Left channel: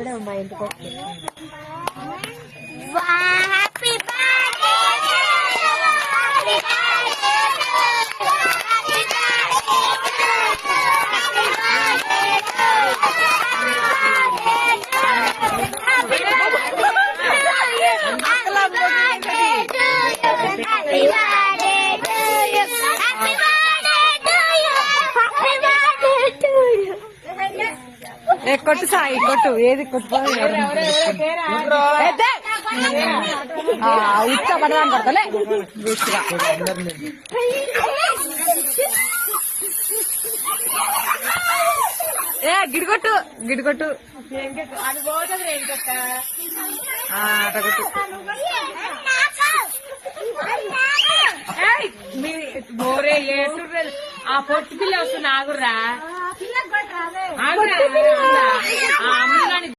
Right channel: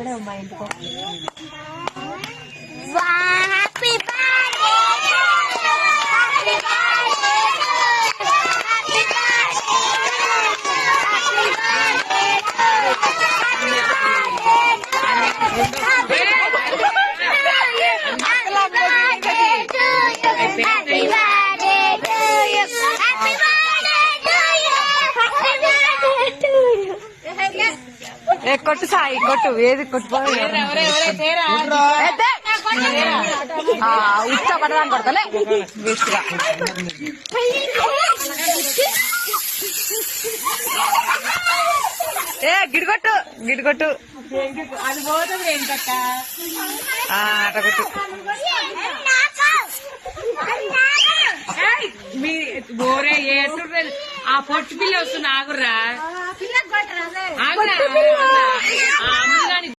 వస్తాడే మా ఇంటికి కొట్టు సాయి కొట్టు ఏది కొట్టు ఇచ్చా పడదాం పడతలే వేసుగా గిడిగొట్టు గిడిగొట్టు అది పోతుంది ఏంటక్క అట కొట్టు ఆ పొట్టి పిల్ల వస్తుంది ఆగుర్రా ఆగురా